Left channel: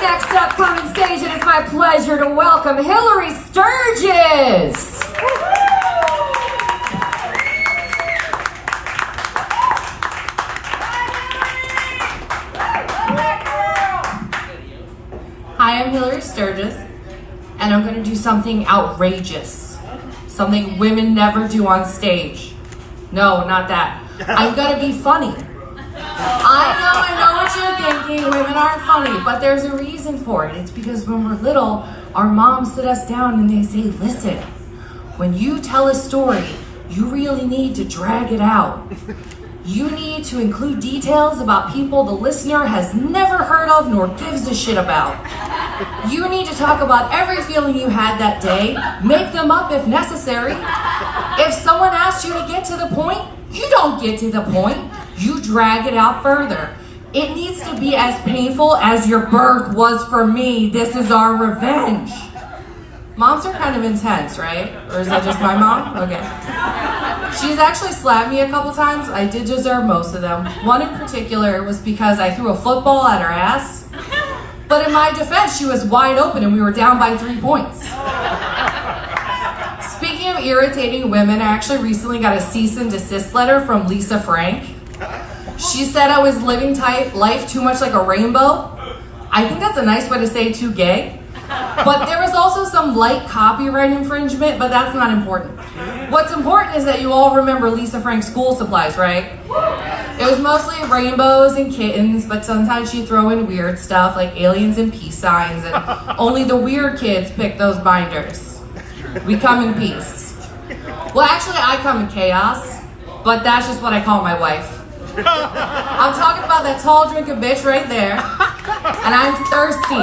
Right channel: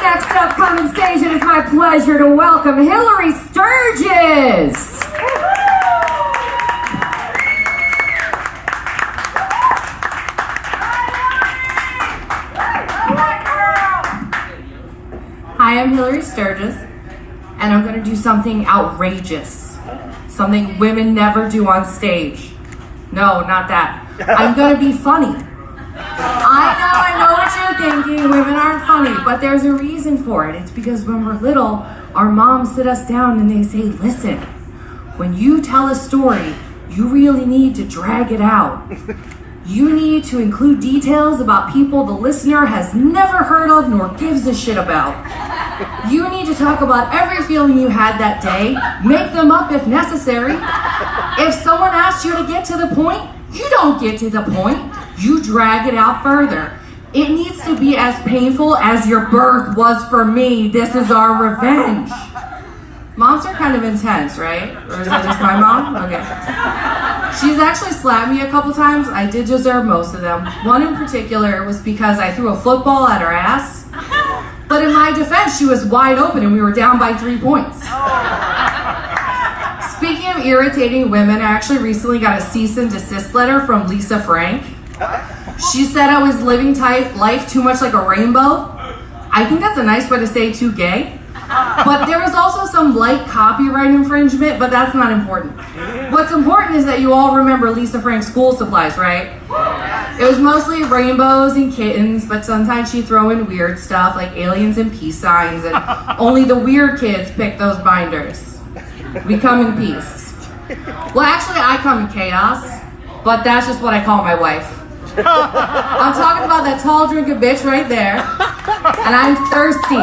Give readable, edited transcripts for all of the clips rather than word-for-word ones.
Next up, coming stage, it is my pleasure to welcome Hillary Sturgis. Hi, I'm Hillary Sturgis, and I'm going to do something outrageous. Something women never do on stage. No, not that. I'm going to be funny. I know what you're thinking. Women aren't funny, but there's a reason for it. It's because when we're little, our moms sit us down and they say, listen, when you tell a story, you really need to drag it out. You need to include details about people the listener has never heard of nor gives a shit about. You need to talk about every feeling you had that day, make them up if necessary. If someone asks you to get to the point, you don't get to the point. You drag it out further. It needs to be as painful as your birth was for me. This is our revenge. Moms are kind of intense, right? Or is that just my mom? Okay. She's actually slapped me a couple times. I did deserve most of them. One in particular was because I threw a football at her ass. But in my defense, she was wide open and we were down by 3 points. Speaking of irritating women, I actually recently got a cease and desist letter from Lisa Frank. She said I was living life too much like a rainbow. I think that's a nice way to say too gay. But there was also some light copyright infringement, but that's not important. What's important is that you all remember Lisa Frank's school supplies, right? It was mostly rainbows and kittens, but sometimes she'd throw in weird stuff like aliens and peace signs, and only the weird kids pick those binders. We come in peace. Well, actually, I come in chaos, but that's just what I call my wife. I'm talking about that tall drinking bitch right there, and I'm thirsty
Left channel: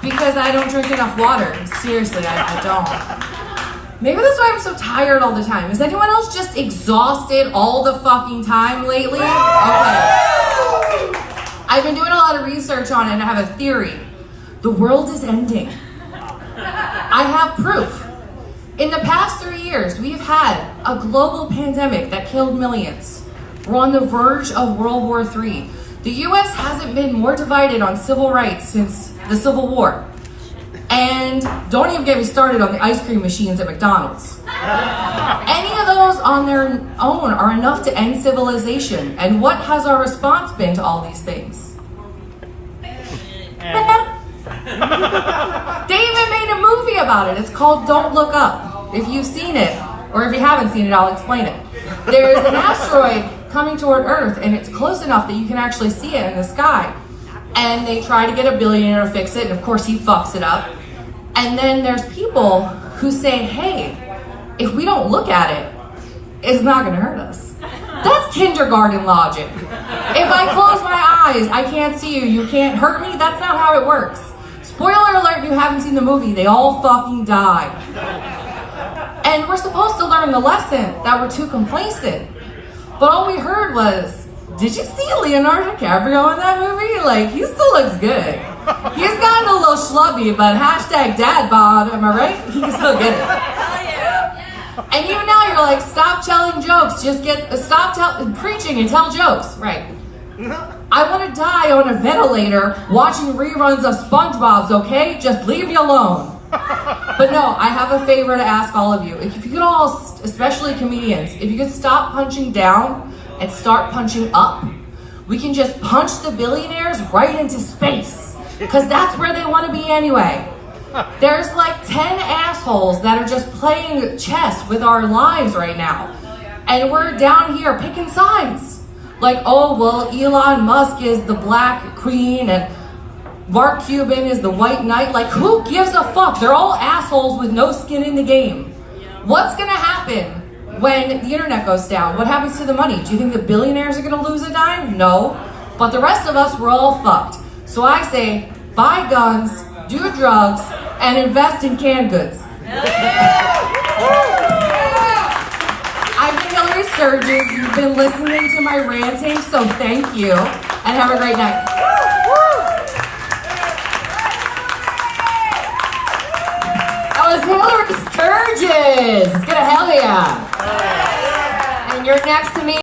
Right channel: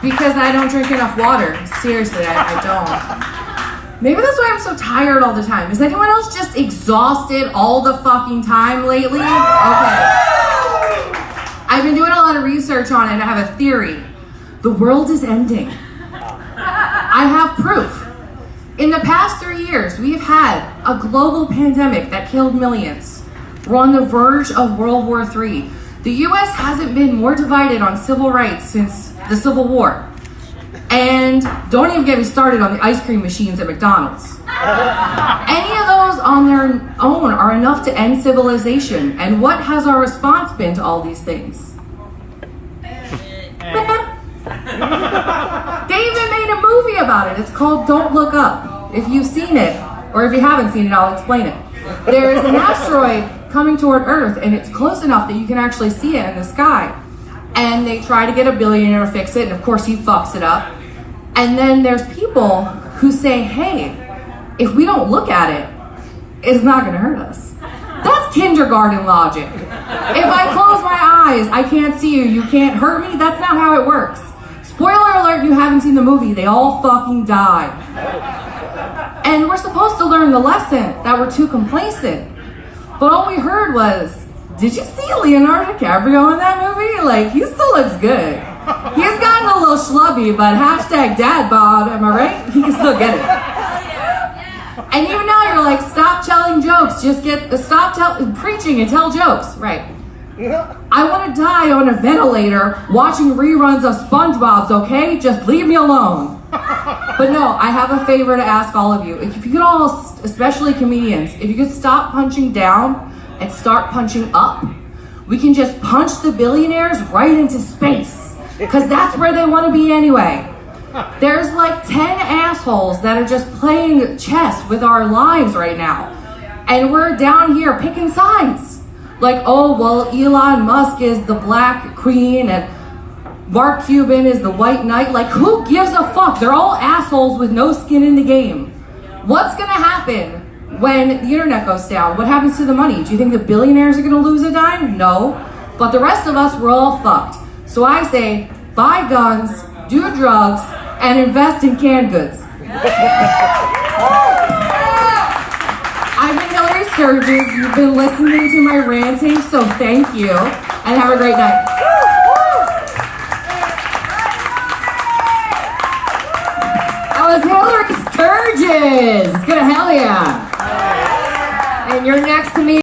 because I don't drink enough water. Seriously, I don't. Maybe that's why I'm so tired all the time. Is anyone else just exhausted all the fucking time lately? Okay. I've been doing a lot of research on it and I have a theory. The world is ending. I have proof. In the past 3 years, we've had a global pandemic that killed millions. We're on the verge of World War III. The US hasn't been more divided on civil rights since the Civil War. And don't even get me started on the ice cream machines at McDonald's. Any of those on their own are enough to end civilization. And what has our response been to all these things? They even made a movie about it. It's called Don't Look Up. If you've seen it, or if you haven't seen it, I'll explain it. There is an asteroid coming toward Earth, and it's close enough that you can actually see it in the sky. And they try to get a billionaire to fix it, and of course he fucks it up. And then there's people who say, hey, if we don't look at it, it's not gonna hurt us. That's kindergarten logic. If I close my eyes, I can't see you, you can't hurt me. That's not how it works. Spoiler alert, you haven't seen the movie, they all fucking die. And we're supposed to learn the lesson that we're too complacent. But all we heard was, did you see Leonardo DiCaprio in that movie? Like, he still looks good. He's gotten a little schlubby, but hashtag dad bod, am I right? He can still get it. And even now you're like, stop telling jokes, stop preaching and tell jokes, right? I want to die on a ventilator watching reruns of SpongeBob's, okay? Just leave me alone. But no, I have a favor to ask all of you. If you could all, especially comedians, if you could stop punching down and start punching up, we can just punch the billionaires right into space. Because that's where they want to be anyway. There's like 10 assholes that are just playing chess with our lives right now. And we're down here picking sides. Like, oh, well, Elon Musk is the black queen and Mark Cuban is the white knight. Like, who gives a fuck? They're all assholes with no skin in the game. What's gonna happen when the internet goes down? What happens to the money? Do you think the billionaires are gonna lose a dime? No. But the rest of us, we're all fucked. So I say, buy guns, do drugs, and invest in canned goods. I've been Hillary Sturgis. You've been listening to my ranting, so thank you, and have a great night. Hillary Sturgis. It's gonna hell yeah. And you're next to me.